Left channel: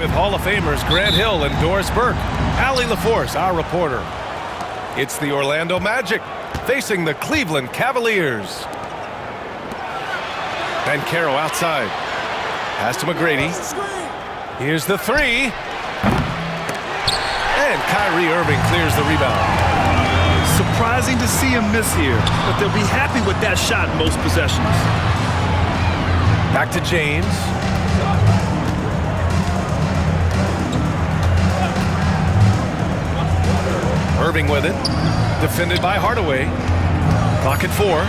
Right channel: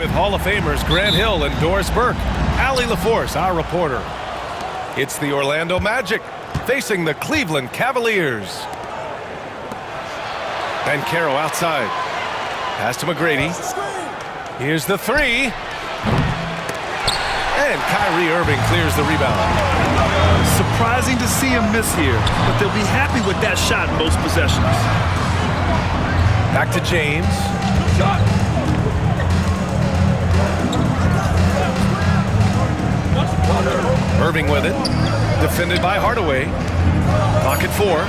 With Hall of Famers Grant Hill and Doris Burke, Allie LaForce, our reporter. It's the Orlando Magic facing the Cleveland Cavaliers. Banchero outside. Pass to McGrady. Here's the three. And Kyrie Irving clears the rebound. Surprising to see him miss here, but they'll be happy with that shot in most possessions. Back to James. Irving with it. Defended by Hardaway. Clock at 4.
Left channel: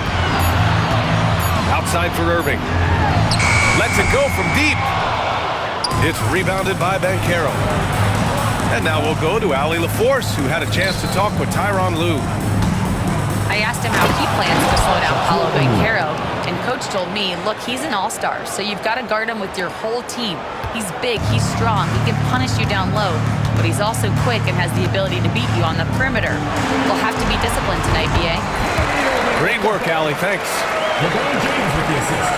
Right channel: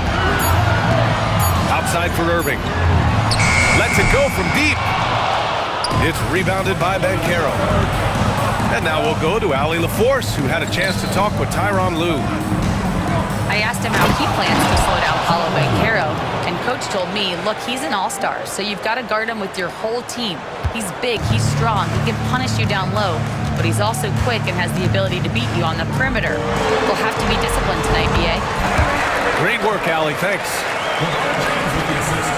Outside for Irving. Lets it go from deep. It's rebounded by Banchero. And now we'll go to Allie LaForce, who had a chance to talk with Tyronn Lue. I asked him how he plans to slow down Paolo Banchero, and Coach told me, look, he's an all-star, so you've got to guard him with your whole team. He's big, he's strong, he can punish you down low, but he's also quick and has the ability to beat you on the perimeter. We'll have to be disciplined tonight, B.A. Great work, Allie. Thanks. LeBron James with the assist.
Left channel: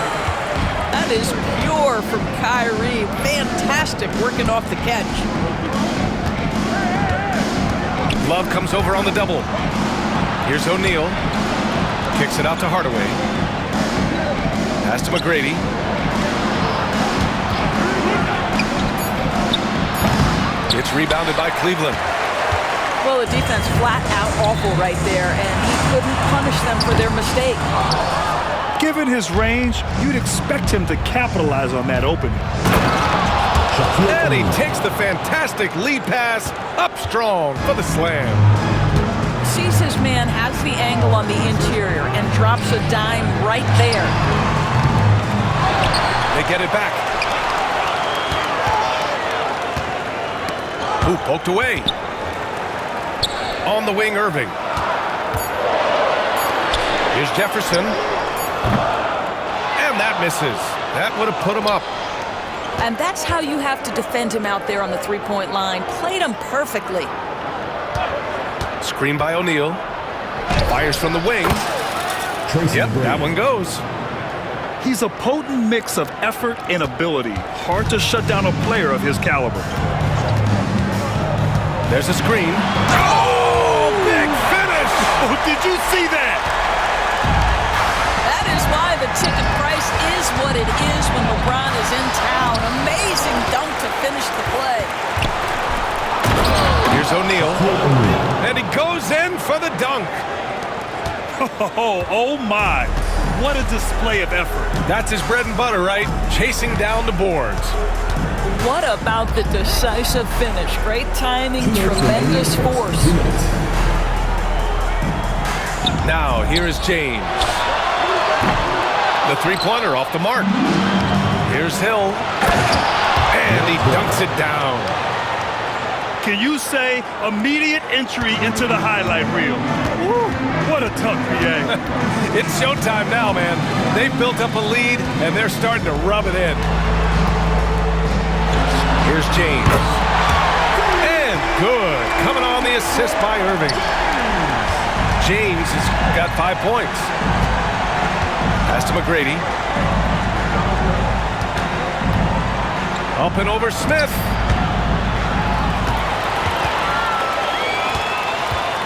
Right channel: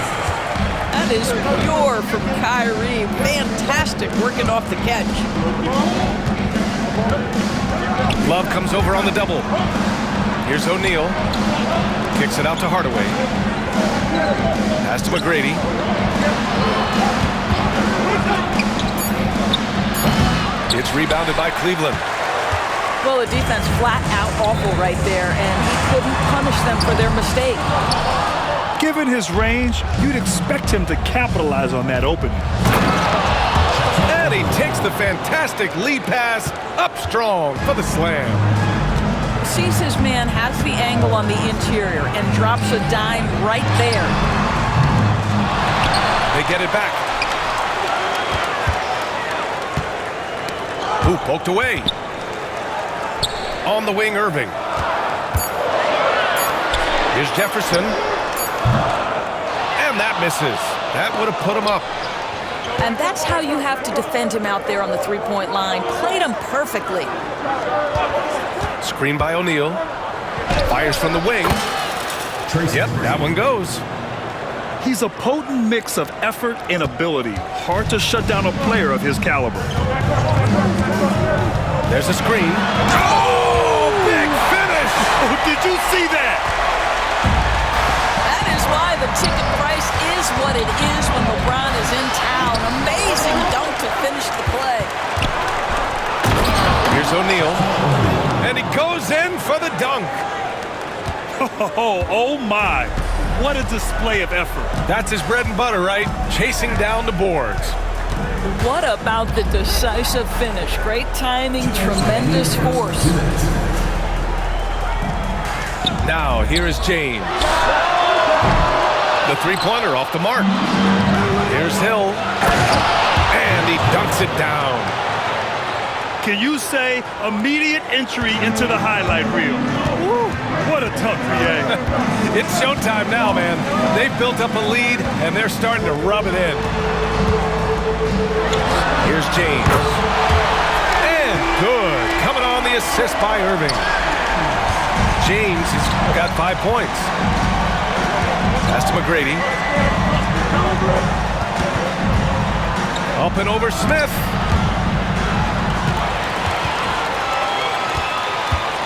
That is pure from Kyrie. Fantastic working off the catch. Love comes over on the double. Here's O'Neal. Kicks it out to Hardaway. Pass to McGrady. It's rebounded by Cleveland. Well, the defense flat out awful right there, and he couldn't punish them for their mistake. Given his range, you'd expect him to capitalize on that opening. And he takes the fantastic lead pass up strong for the slam. Sees his man, has the angle on the interior, and drops a dime right there. They get it back. Ooh, poked away. On the wing, Irving. Here's Jefferson. And that misses. That would have put him up. And that's how you have to defend him out there on the three-point line. Played him perfectly. Screen by O'Neal. Fires from the wing. Yep, that one goes. He's a potent mix of effort and ability. Hard to shut down a player of his caliber. There's a screen. Oh, big finish! Oh, did you see that? That is why the ticket price is what it is when LeBron is in town. Amazing dunk to finish the play. Here's O'Neal. And he goes in for the dunk. Oh my. What a display of effort. That's his bread and butter, right? Chasing down the boards. What about the decisive finish? Great timing, tremendous force. Now, here is James. The three-pointer off the mark. Here's Hill. And he dunks it down. Can you say immediate entry into the highlight reel? Woo, what a tough BA. It's showtime now, man. They've built up a lead, and they're starting to rub it in. Here's James. And good. Coming on the assist by Irving. James has got 5 points. Pass to McGrady. Up and over Smith.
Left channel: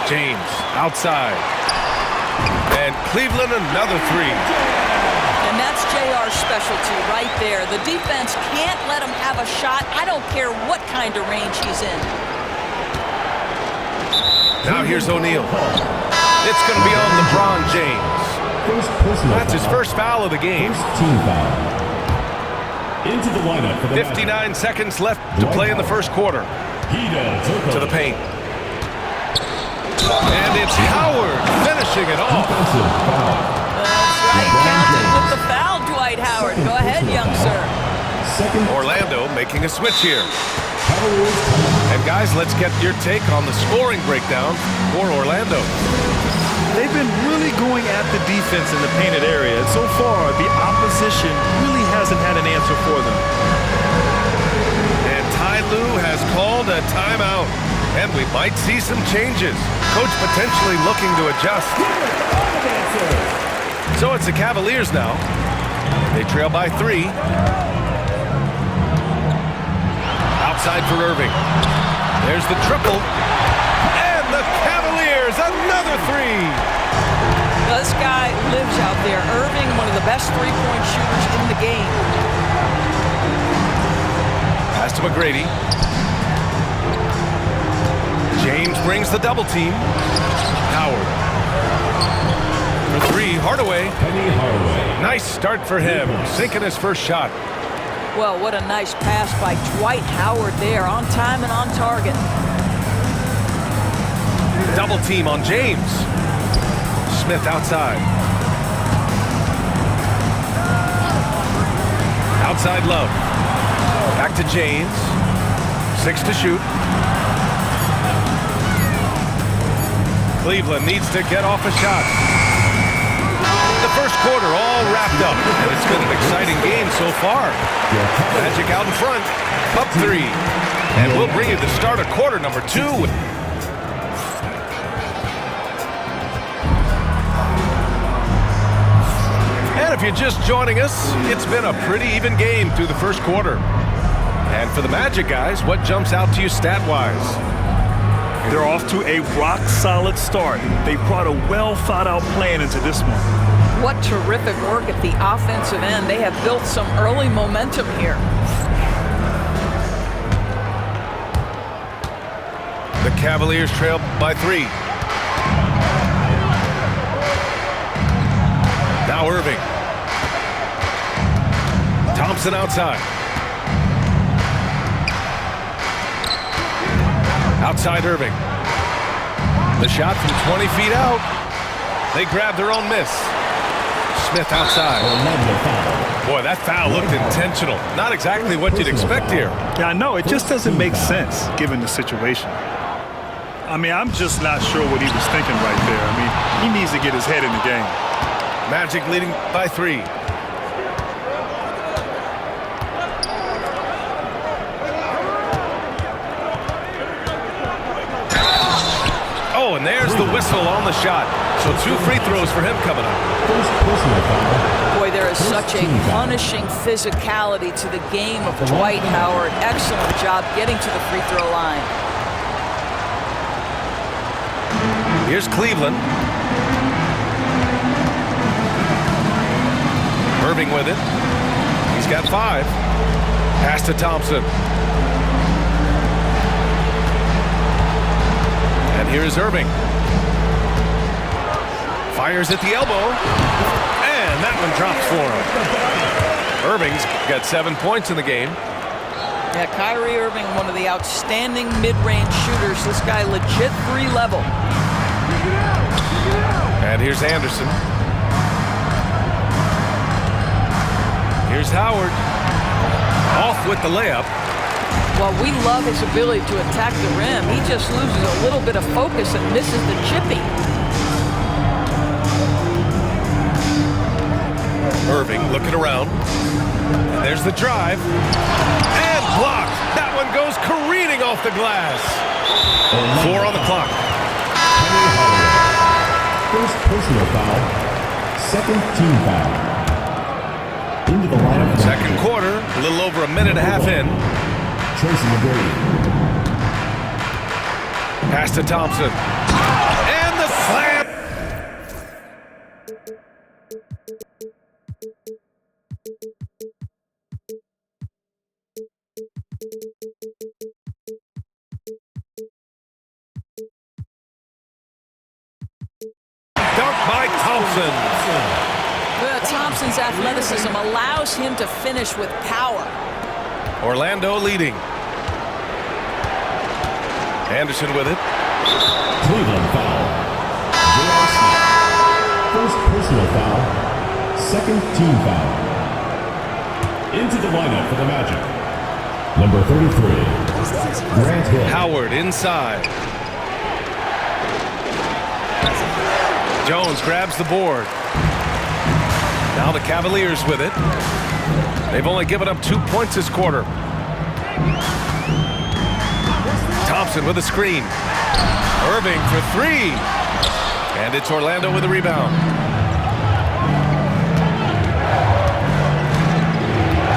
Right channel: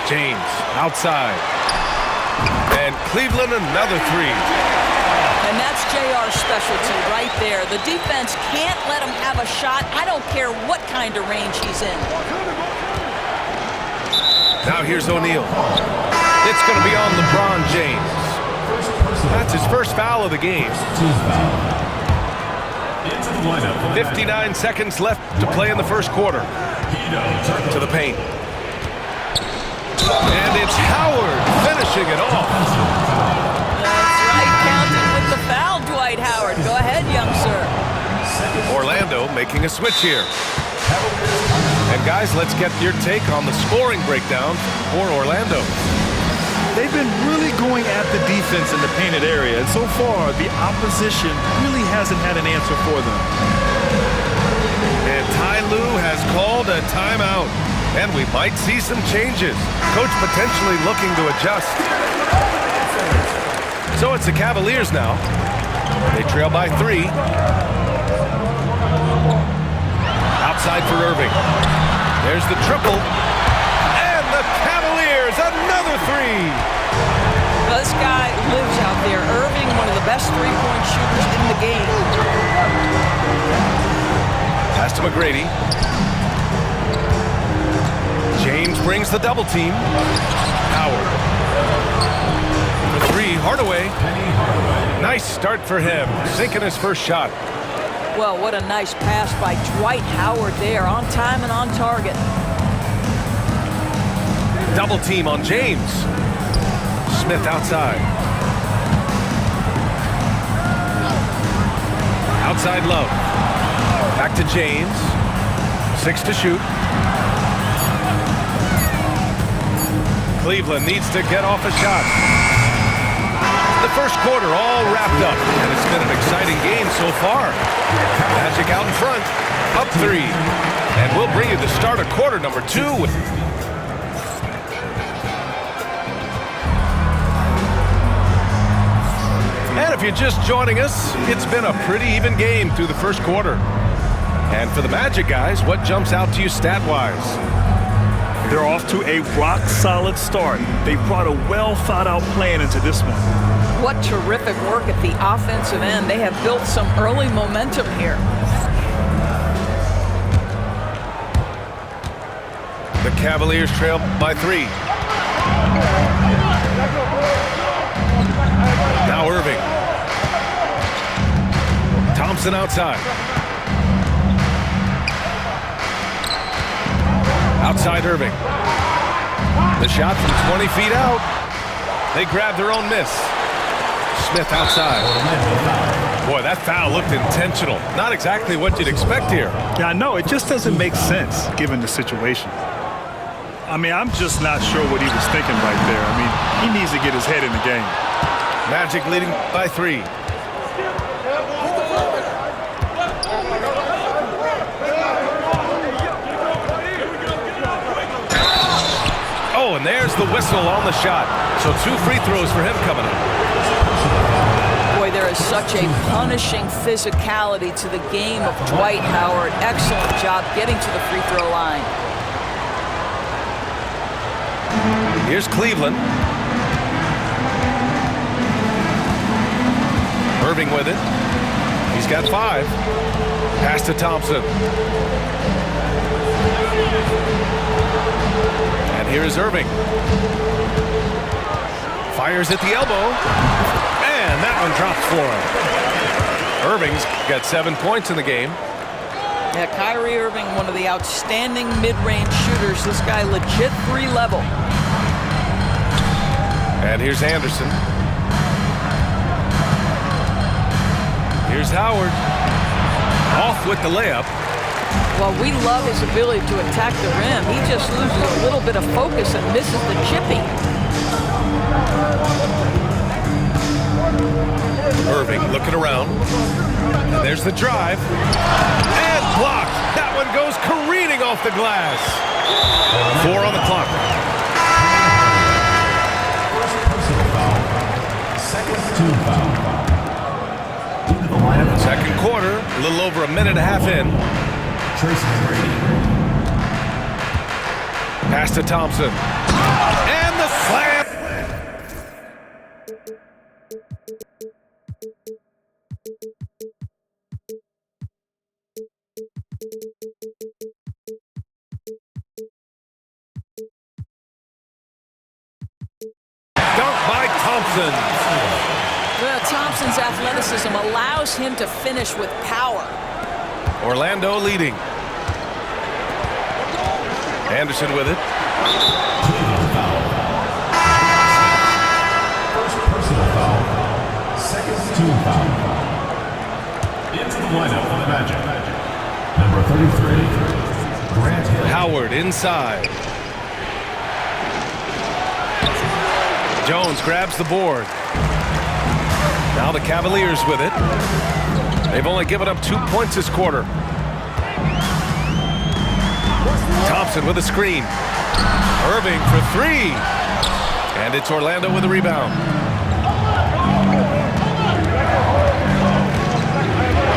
James outside. And Cleveland another three. And that's JR's specialty right there. The defense can't let him have a shot. I don't care what kind of range he's in. Now here's O'Neal. It's going to be on LeBron James. That's his first foul of the game. Team foul. Into the lineup for the 59 seconds left to play in the first quarter. To the paint. And it's Howard finishing it off. That's right, counted with the foul, Dwight Howard. Go ahead, young sir. Orlando making a switch here. And guys, let's get your take on the scoring breakdown for Orlando. They've been really going at the defense in the painted area, and so far, the opposition really hasn't had an answer for them. And Ty Lue has called a timeout, and we might see some changes. Coach potentially looking to adjust. So it's the Cavaliers now. They trail by 3. Outside for Irving. There's the triple. And the Cavaliers, another three. This guy lives out there. Irving, one of the best three-point shooters in the game. Pass to McGrady. James brings the double team. Howard. For three, Hardaway. Penny Hardaway. Nice start for him, sinking his first shot. Well, what a nice pass by Dwight Howard there, on time and on target. Double team on James. Smith outside. Outside Love. Back to James. 6 to shoot. Cleveland needs to get off a shot. The first quarter all wrapped up, and it's been an exciting game so far. Magic out in front, up 3. And we'll bring you the start of quarter number 2. And if you're just joining us, it's been a pretty even game through the first quarter. And for the Magic guys, what jumps out to you stat-wise? They're off to a rock-solid start. They brought a well-thought-out plan into this one. What terrific work at the offensive end. They have built some early momentum here. The Cavaliers trail by 3. Now Irving. Thompson outside. Outside Irving. The shot from 20 feet out. They grab their own miss. Smith outside. Boy, that foul looked intentional. Not exactly what you'd expect here. Yeah, I know. It just doesn't make sense given the situation. I mean, I'm just not sure what he was thinking right there. I mean, he needs to get his head in the game. Magic leading by 3. Oh, and there's the whistle on the shot. So 2 free throws for him coming up. Boy, there is such a punishing physicality to the game of Dwight Howard. Excellent job getting to the free throw line. Here's Cleveland. Irving with it. He's got 5. Pass to Thompson. And here's Irving. Fires at the elbow. And that one drops for him. Irving's got 7 points in the game. Yeah, Kyrie Irving, one of the outstanding mid-range shooters. This guy legit 3 level. And here's Anderson. Here's Howard. Off with the layup. Well, we love his ability to attack the rim. He just loses a little bit of focus and misses the chippy. Irving looking around. And there's the drive. And blocked. That one goes careening off the glass. 4 on the clock. First personal foul. Second team foul. Into the lineup. Second quarter, a little over a minute and a half in. Tracy McGrady. Pass to Thompson. And the slam. Dunk by Thompson. Well, Thompson's athleticism allows him to finish with power. Orlando leading. Anderson with it. Cleveland foul. J.R. Smith. First personal foul. Second team foul. Into the lineup for the Magic. Number 33, Grant Hill. Howard inside. Jones grabs the board. Now the Cavaliers with it. They've only given up 2 points this quarter. Thompson with a screen. Irving for 3. And it's Orlando with a rebound.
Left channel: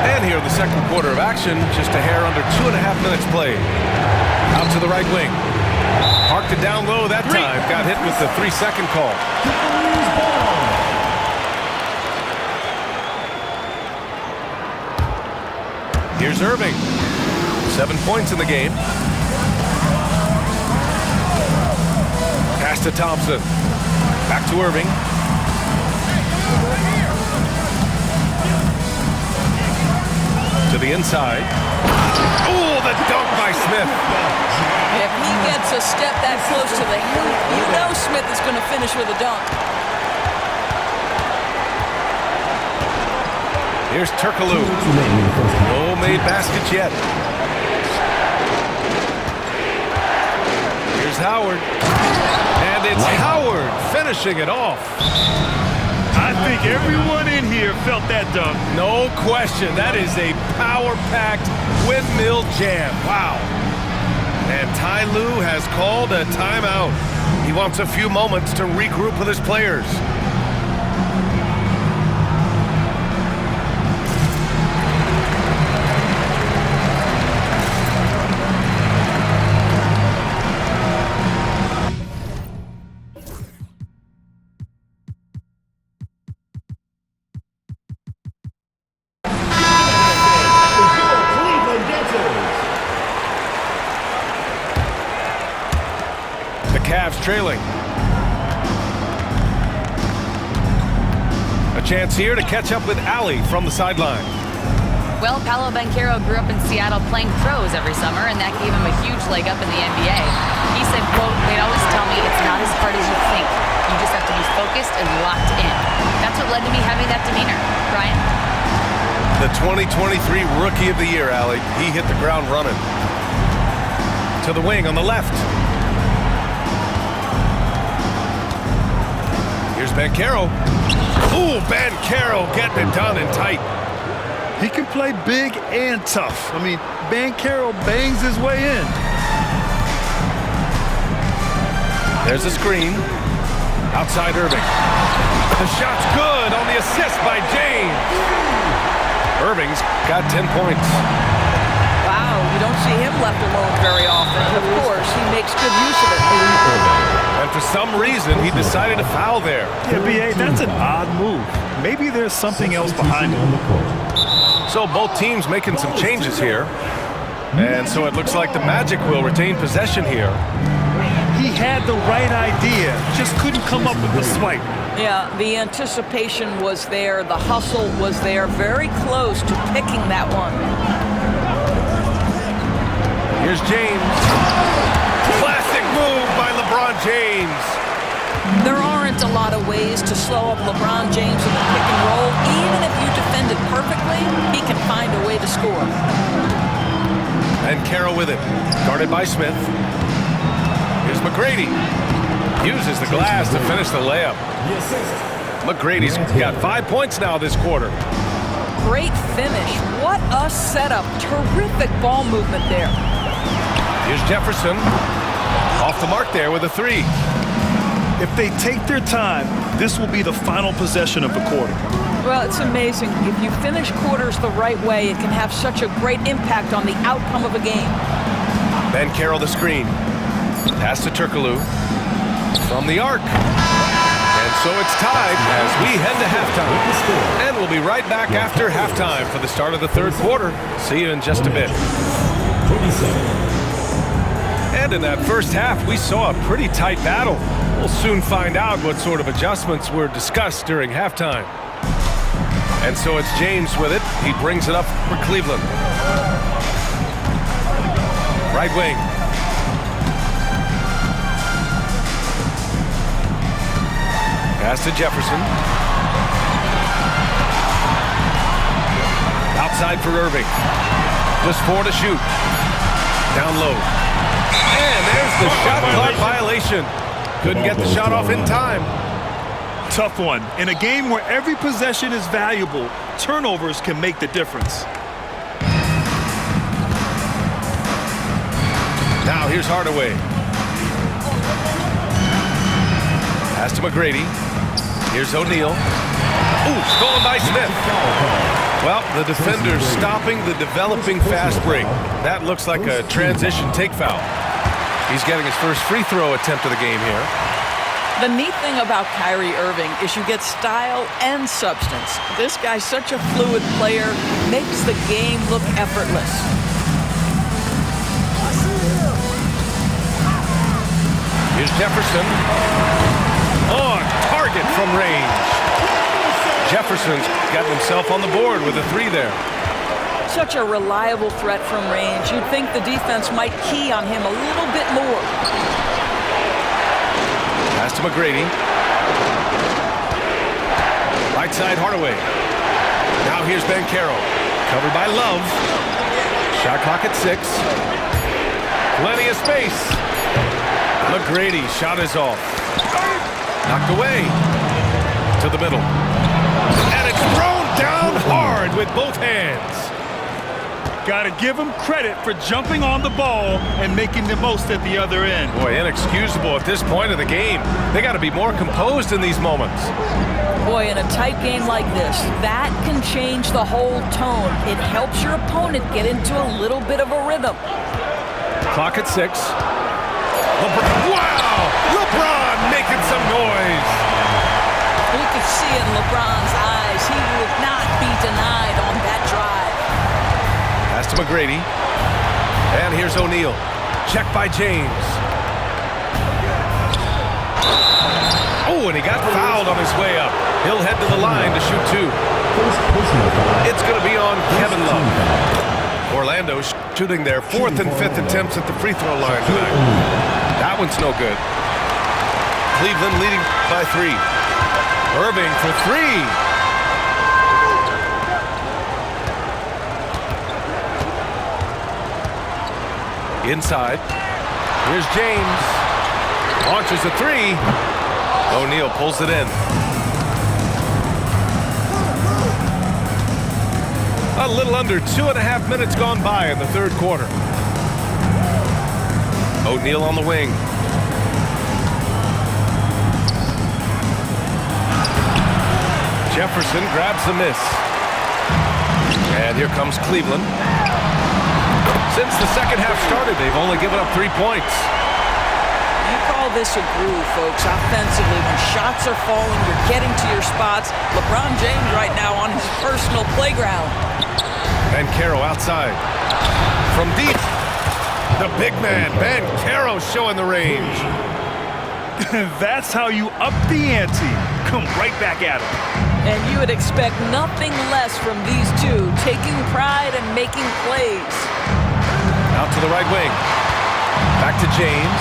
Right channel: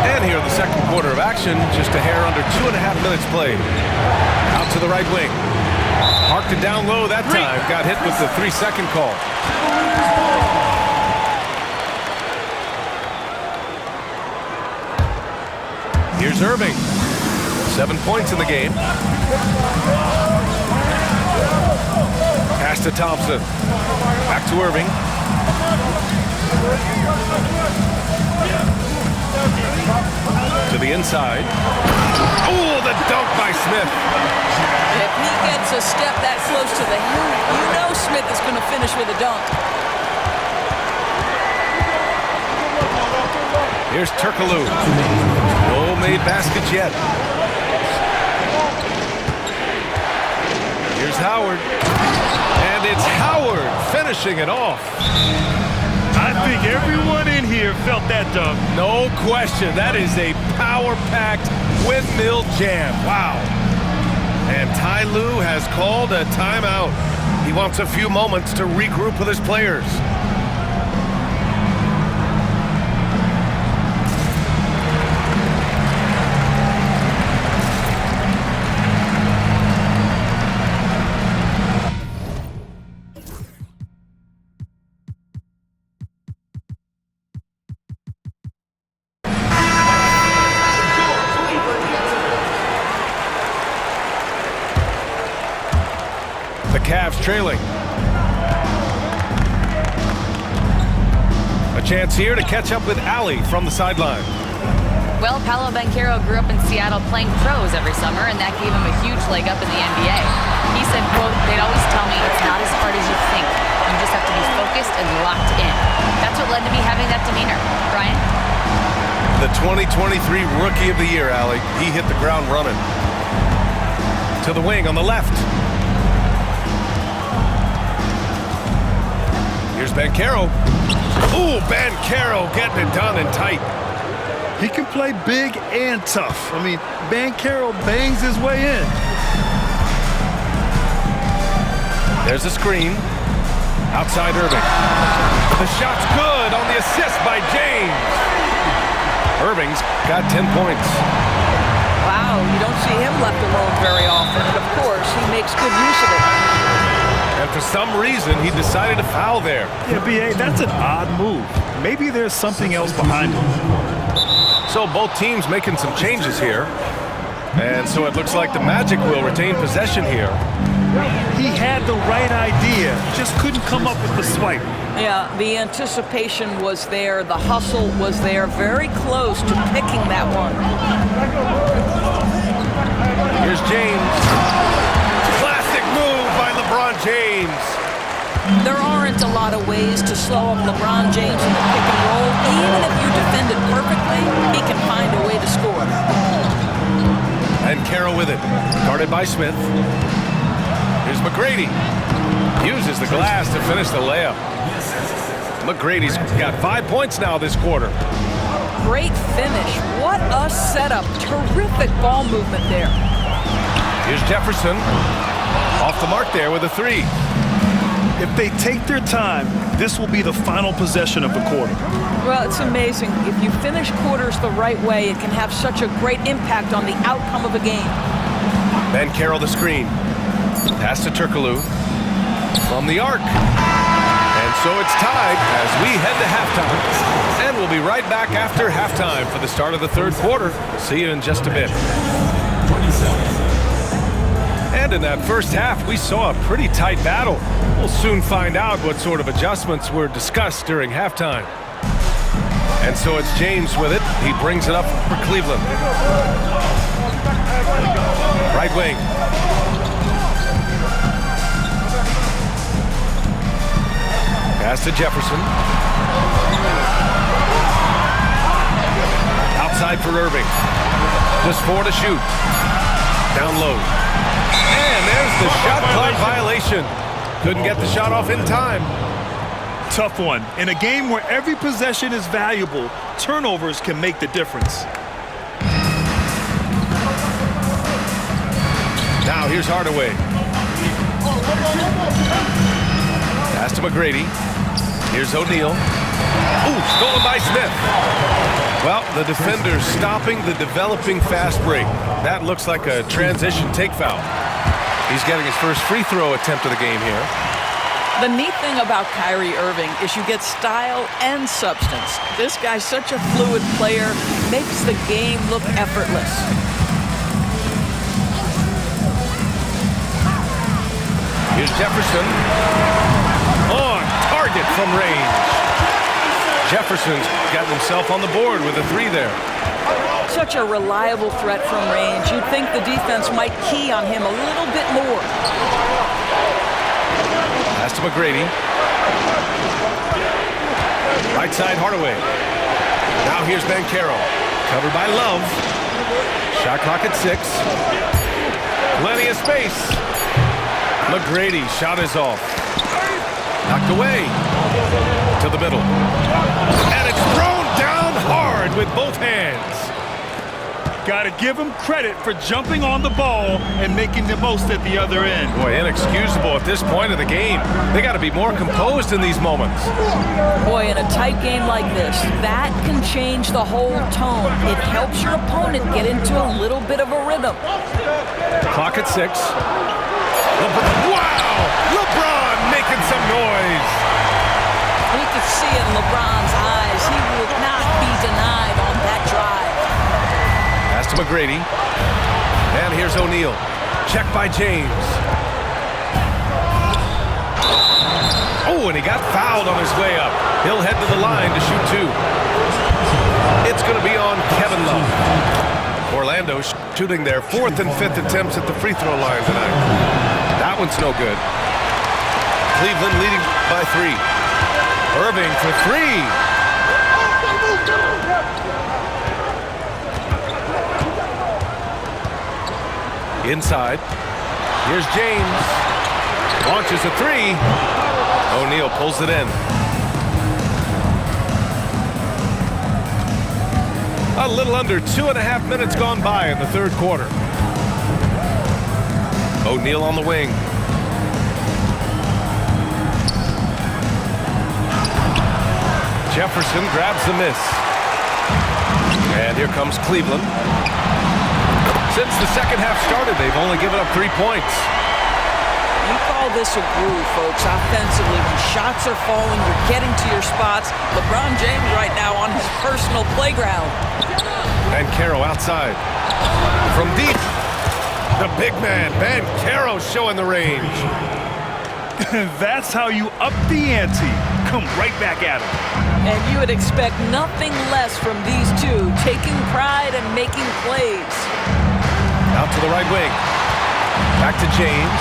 And here in the second quarter of action, just a hair under 2.5 minutes played. Out to the right wing. Parked it down low that time. Got hit with the 3-second call. Here's Irving. 7 points in the game. Pass to Thompson. Back to Irving. To the inside. Oh, the dunk by Smith. If he gets a step that close to the hill, you know Smith is going to finish with a dunk. Here's Turkoglu. No made baskets yet. Here's Howard. And it's Howard finishing it off. I think everyone in here felt that dunk. No question. That is a power-packed windmill jam. Wow. And Ty Lue has called a timeout. He wants a few moments to regroup with his players. Cavs trailing. A chance here to catch up with Allie from the sideline. Well, Paolo Banchero grew up in Seattle playing pros every summer, and that gave him a huge leg up in the NBA. He said, quote, "They'd always tell me it's not as hard as you think. You just have to be focused and locked in." That's what led to me having that demeanor. Brian? The 2023 Rookie of the Year, Allie. He hit the ground running. To the wing on the left. Here's Banchero. Ooh, Banchero getting it done and tight. He can play big and tough. I mean, Banchero bangs his way in. There's a screen. Outside Irving. The shot's good on the assist by James. Irving's got 10 points. Wow, you don't see him left alone very often, and of course, he makes good use of it. And for some reason, he decided to foul there. Yeah, B.A., that's an odd move. Maybe there's something else behind it. So both teams making some changes here. And so it looks like the Magic will retain possession here. He had the right idea, just couldn't come up with the swipe. Yeah, the anticipation was there, the hustle was there, very close to picking that one. Here's James. Classic move by LeBron James. There aren't a lot of ways to slow up LeBron James in the pick and roll. Even if you defend it perfectly, he can find a way to score. And Carroll with it, guarded by Smith. Here's McGrady. Uses the glass to finish the layup. McGrady's got 5 points now this quarter. Great finish. What a setup. Terrific ball movement there. Here's Jefferson. Off the mark there with a three. If they take their time, this will be the final possession of the quarter. Well, it's amazing. If you finish quarters the right way, it can have such a great impact on the outcome of a game. Banchero the screen. Pass to Turkoglu. From the arc. And so it's tied as we head to halftime. And we'll be right back after halftime for the start of the third quarter. See you in just a bit. 27. And in that first half, we saw a pretty tight battle. We'll soon find out what sort of adjustments were discussed during halftime. And so it's James with it. He brings it up for Cleveland. Right wing. Pass to Jefferson. Outside for Irving. Just 4 to shoot. Down low. And there's the shot clock violation. Couldn't get the shot off in time. Tough one. In a game where every possession is valuable, turnovers can make the difference. Now here's Hardaway. Pass to McGrady. Here's O'Neal. Ooh, stolen by Smith. Well, the defender's stopping the developing fast break. That looks like a transition take foul. He's getting his first free throw attempt of the game here. The neat thing about Kyrie Irving is you get style and substance. This guy's such a fluid player, makes the game look effortless. Here's Jefferson. On target from range. Jefferson's gotten himself on the board with a 3 there. Such a reliable threat from range. You'd think the defense might key on him a little bit more. Pass to McGrady. Right side Hardaway. Now here's Banchero. Covered by Love. Shot clock at 6. Plenty of space. McGrady, shot is off. Knocked away. To the middle. And it's thrown down hard with both hands. Got to give him credit for jumping on the ball and making the most at the other end. Boy, inexcusable at this point of the game. They got to be more composed in these moments. Boy, in a tight game like this, that can change the whole tone. It helps your opponent get into a little bit of a rhythm. Clock at 6. LeBron, wow! LeBron making some noise. You can see it in LeBron's eyes. He will not be denied on that drive. Pass to McGrady. And here's O'Neal. Check by James. Oh, and he got fouled on his way up. He'll head to the line to shoot 2. It's going to be on Kevin Love. Orlando shooting their 4th and 5th attempts at the free throw line tonight. That one's no good. Cleveland leading by 3. Irving for 3. Inside. Here's James. Launches a 3. O'Neal pulls it in. A little under 2.5 minutes gone by in the third quarter. O'Neal on the wing. Jefferson grabs the miss. And here comes Cleveland. Since the second half started, they've only given up 3 points. You call this a groove, folks. Offensively, when shots are falling, you're getting to your spots. LeBron James right now on his personal playground. Banchero outside. From deep, the big man, Banchero, showing the range. That's how you up the ante. Come right back at him. And you would expect nothing less from these two, taking pride and making plays. Out to the right wing. Back to James.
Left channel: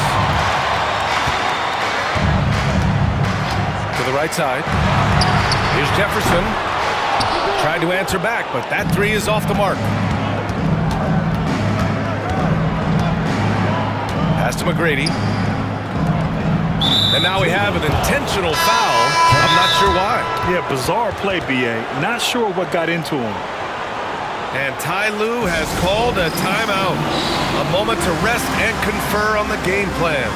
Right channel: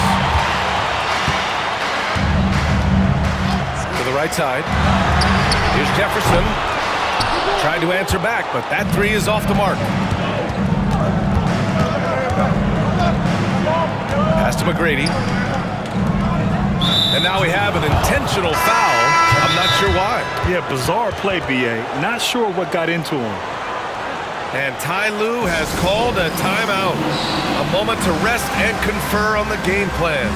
To the right side. Here's Jefferson. Trying to answer back, but that 3 is off the mark. Pass to McGrady. And now we have an intentional foul. I'm not sure why. Yeah, bizarre play, B.A. Not sure what got into him. And Ty Lue has called a timeout. A moment to rest and confer on the game plan.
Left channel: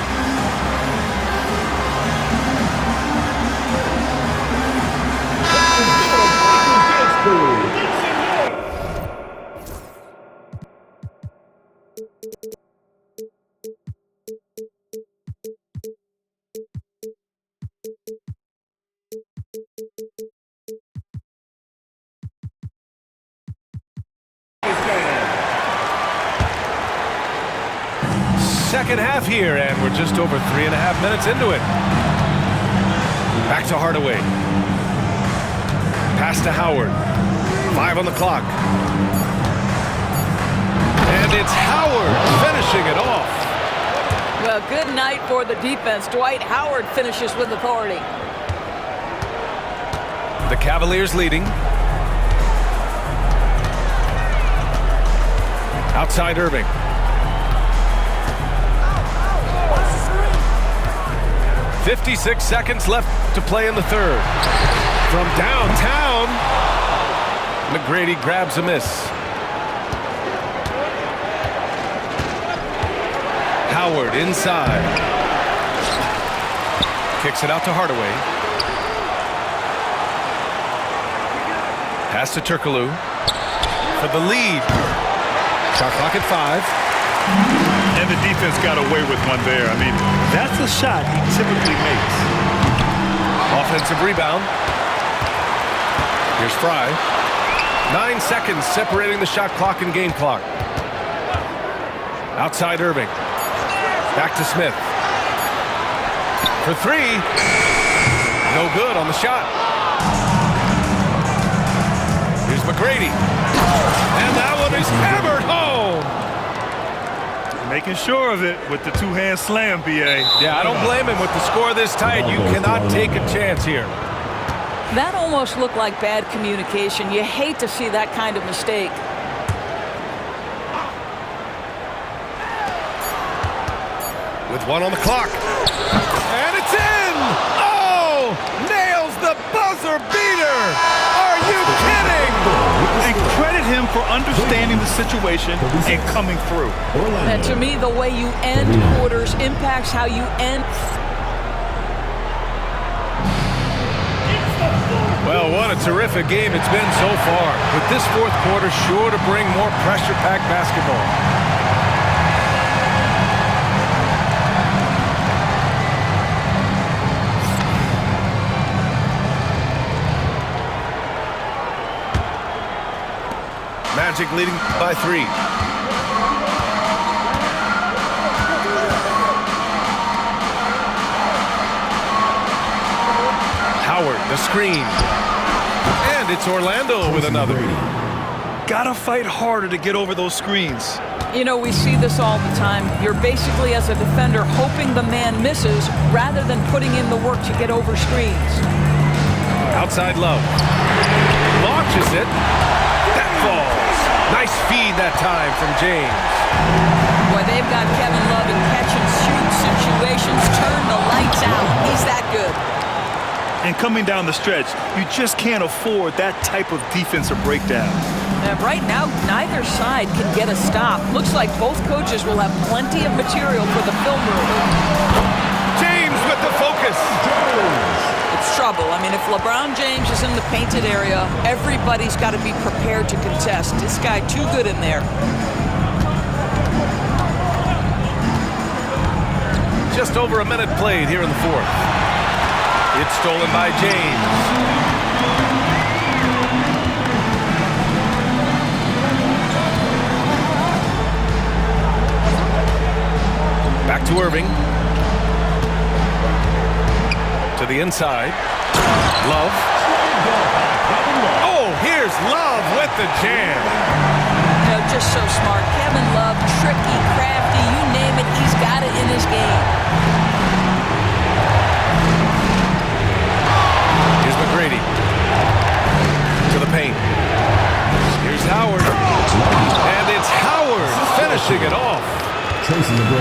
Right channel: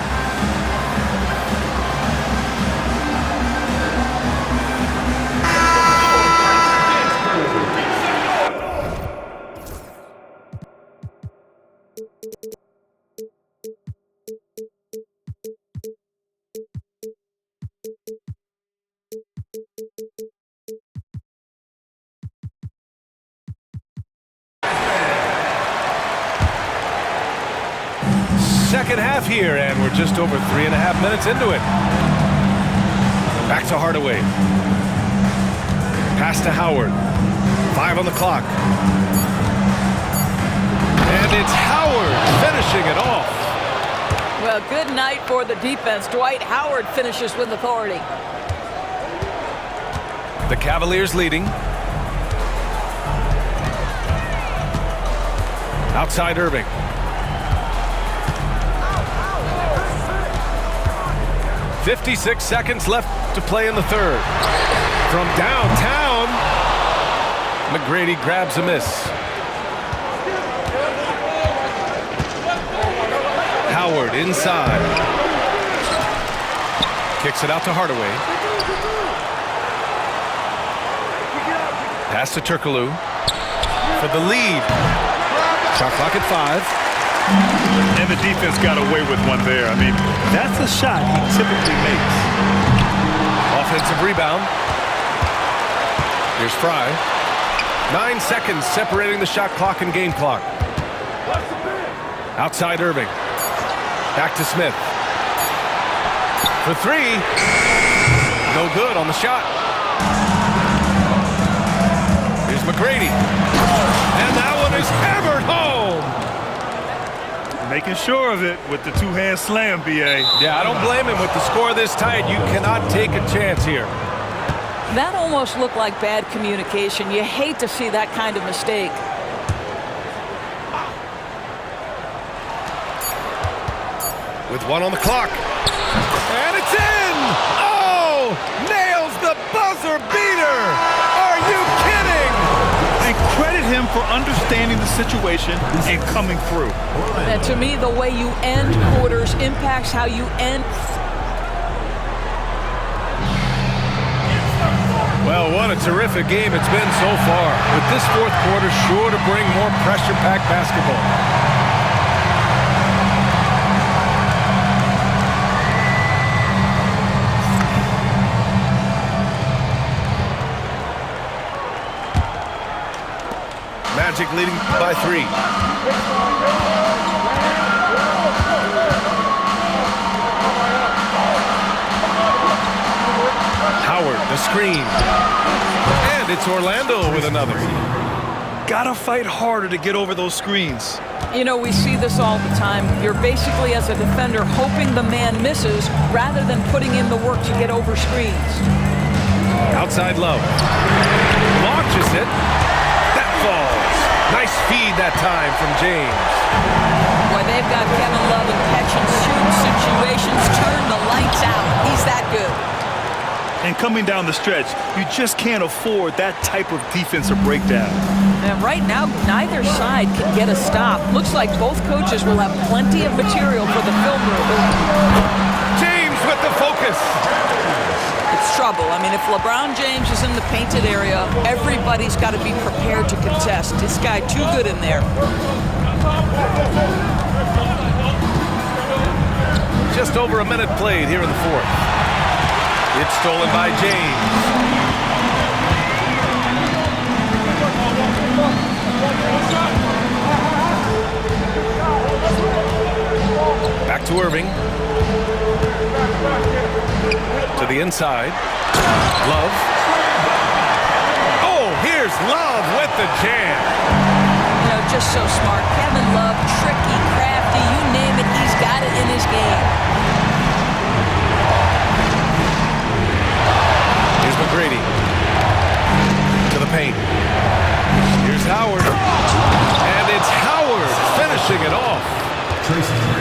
Second half here, and we're just over 3.5 minutes into it. Back to Hardaway. Pass to Howard. 5 on the clock. And it's Howard finishing it off. Well, good night for the defense. Dwight Howard finishes with authority. The Cavaliers leading. Outside Irving. .56 seconds left to play in the third. From downtown, McGrady grabs a miss. Howard inside. Kicks it out to Hardaway. Pass to Turkoglu. for the lead. Shot clock at 5. And the defense got away with one there. I mean, that's a shot he typically makes. Offensive rebound. Here's Fry. 9 seconds separating the shot clock and game clock. Outside Irving. Back to Smith. For 3. No good on the shot. Here's McGrady. And that one is hammered home. Making sure of it with the two-hand slam, B.A. Yeah, I don't blame him. With the score this tight, you cannot take a chance here. That almost looked like bad communication. You hate to see that kind of mistake. With 1 on the clock. And it's in! Oh! Nails the buzzer beater! Are you kidding? And credit him for understanding the situation and coming through. And to me, the way you end quarters impacts how you end. Well, what a terrific game it's been so far. With this fourth quarter sure to bring more pressure-packed basketball. Magic leading by 3. Howard, the screen. And it's Orlando with another. Gotta fight harder to get over those screens. You know, we see this all the time. You're basically, as a defender, hoping the man misses rather than putting in the work to get over screens. Outside Love. Launches it. That falls. Nice feed that time from James. Boy, they've got Kevin Love in catch-and-shoot situations. Turn the lights out. He's that good. And coming down the stretch, you just can't afford that type of defensive breakdown. And right now, neither side can get a stop. Looks like both coaches will have plenty of material for the film room. James with the focus. It's trouble. I mean, if LeBron James is in the painted area, everybody's got to be prepared to contest. This guy too good in there. Just over a minute played here in the fourth. It's stolen by James. Back to Irving. To the inside. Love. Oh, here's Love with the jam. You know, just so smart. Kevin Love, tricky, crafty, you name it, he's got it in his game. Here's McGrady. To the paint. Here's Howard. And it's Howard finishing it off.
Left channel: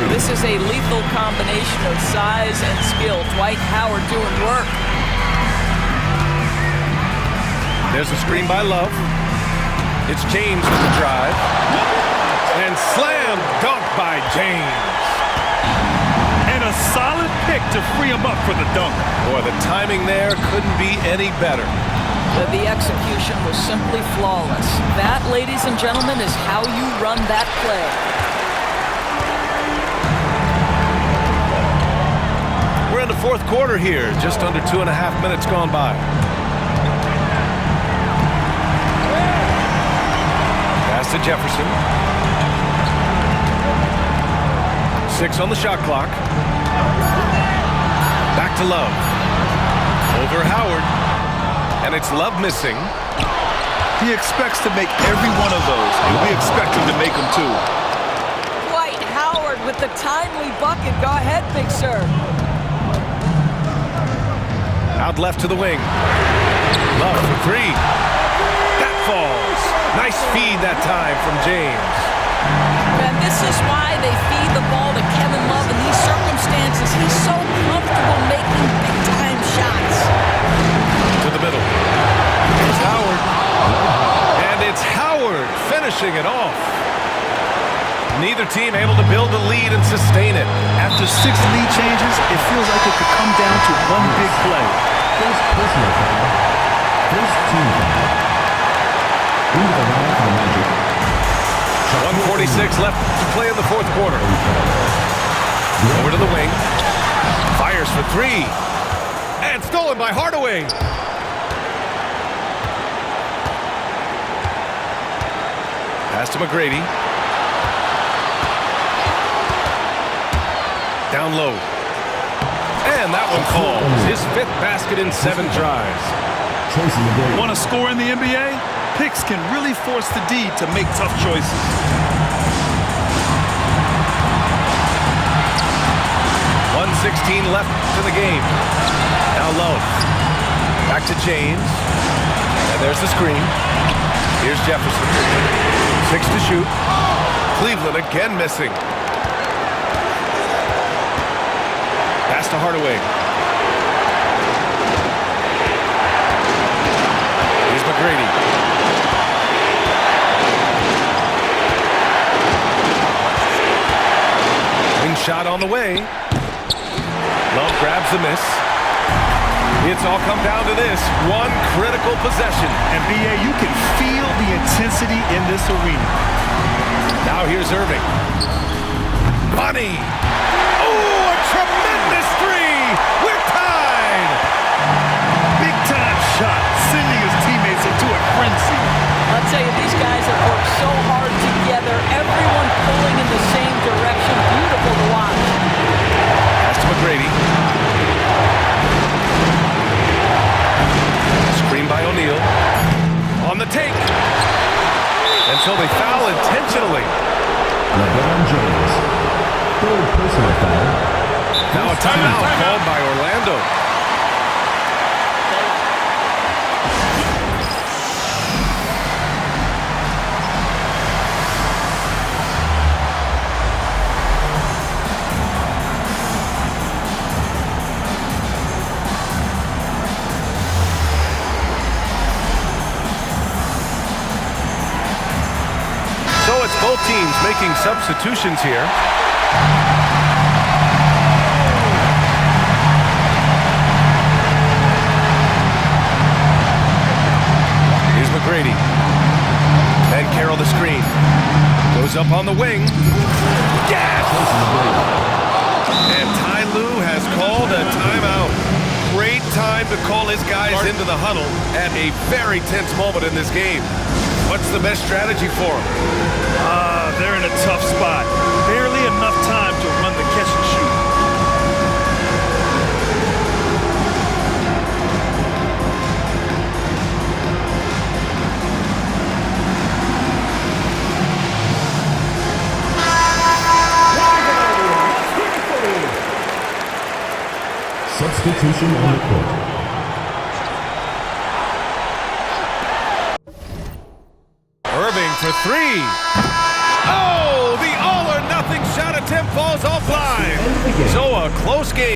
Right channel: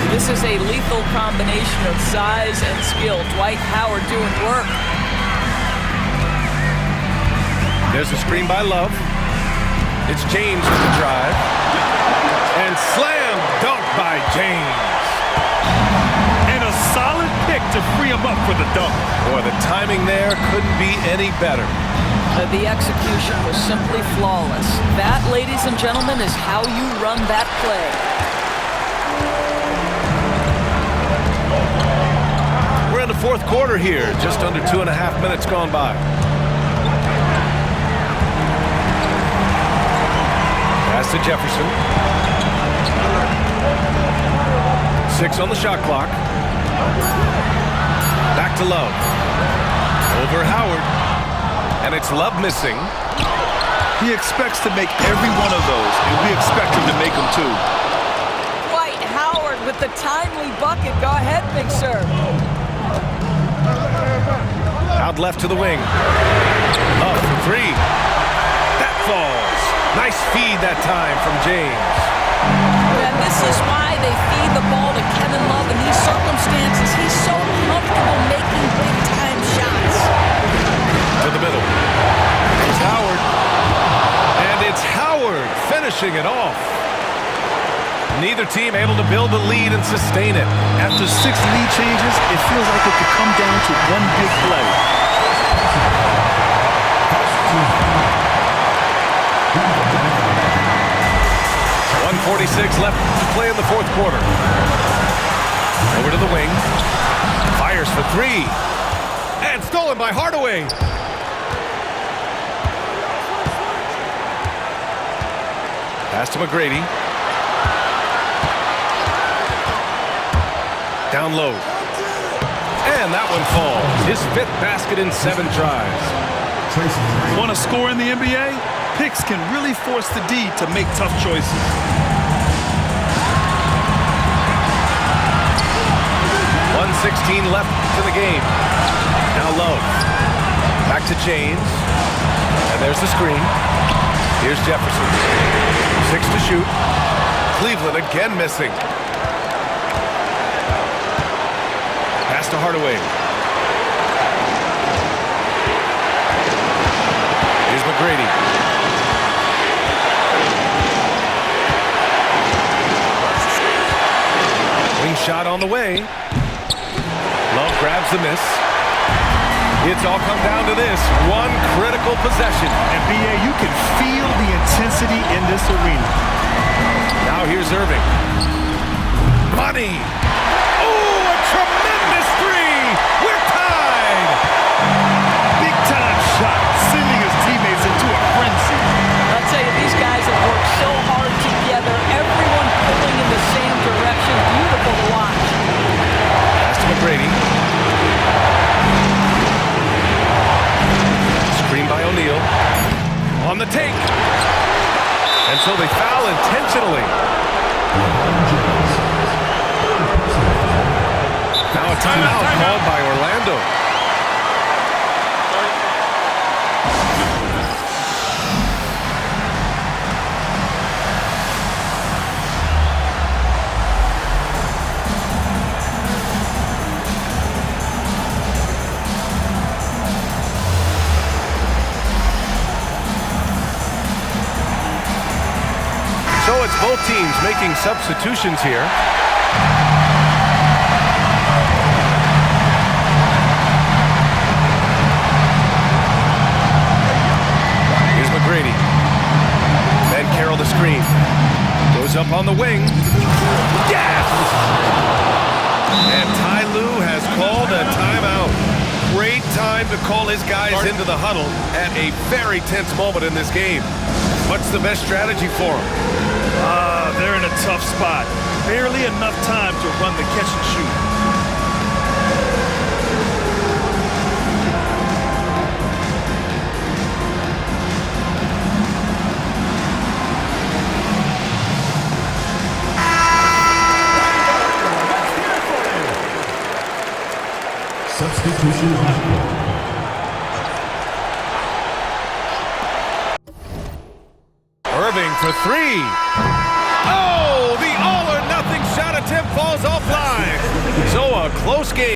This is a lethal combination of size and skill. Dwight Howard doing work. There's a screen by Love. It's James with the drive. And slam dunk by James. And a solid pick to free him up for the dunk. Boy, the timing there couldn't be any better. The execution was simply flawless. That, ladies and gentlemen, is how you run that play. We're in the fourth quarter here, just under 2.5 minutes gone by. Pass to Jefferson. 6 on the shot clock. Back to Love. Over Howard. And it's Love missing. He expects to make every one of those, and we expect him to make them too. Dwight Howard with the timely bucket. Go ahead, big sir. Out left to the wing. Love for 3. That falls. Nice feed that time from James. And this is why they feed the ball to Kevin Love in these circumstances. He's so comfortable making big-time shots. To the middle. It's Howard. And it's Howard finishing it off. Neither team able to build a lead and sustain it. After 6 lead changes, it feels like it could come down to one big play. First team foul. Who's the Magic? 1:46 left to play in the fourth quarter. Over to the wing. Fires for three. And stolen by Hardaway. Pass to McGrady. Down low. And that one falls. His fifth basket in 7 tries. Want to score in the NBA? Picks can really force the D to make tough choices. .116 left to the game. Now Love. Back to James. And there's the screen. Here's Jefferson. 6 to shoot. Cleveland again missing. Pass to Hardaway. Here's McGrady. Wing shot on the way. Love grabs the miss. It's all come down to this one critical possession. And B.A., you can feel the intensity in this arena. Now here's Irving. Money. Oh, a tremendous three. We're tied. Big-time shot, sending his teammates into a frenzy. I'll tell you, these guys have worked so hard together. Everyone pulling in the same direction. Beautiful to watch. Pass to McGrady. Screen by O'Neal. On the take. And so they foul intentionally. LeBron James. Third personal foul. Now a timeout called by Orlando. So it's both teams making substitutions here. Here's McGrady. Ben Carroll the screen. Goes up on the wing. Yes! And Ty Lue has called a timeout. Great time to call his guys into the huddle at a very tense moment in this game. What's the best strategy for them? They're in a tough spot. Barely enough time to run the catch and shoot. Substitution on court. Irving for three. Oh, the all-or-nothing shot attempt falls offline. So a close game.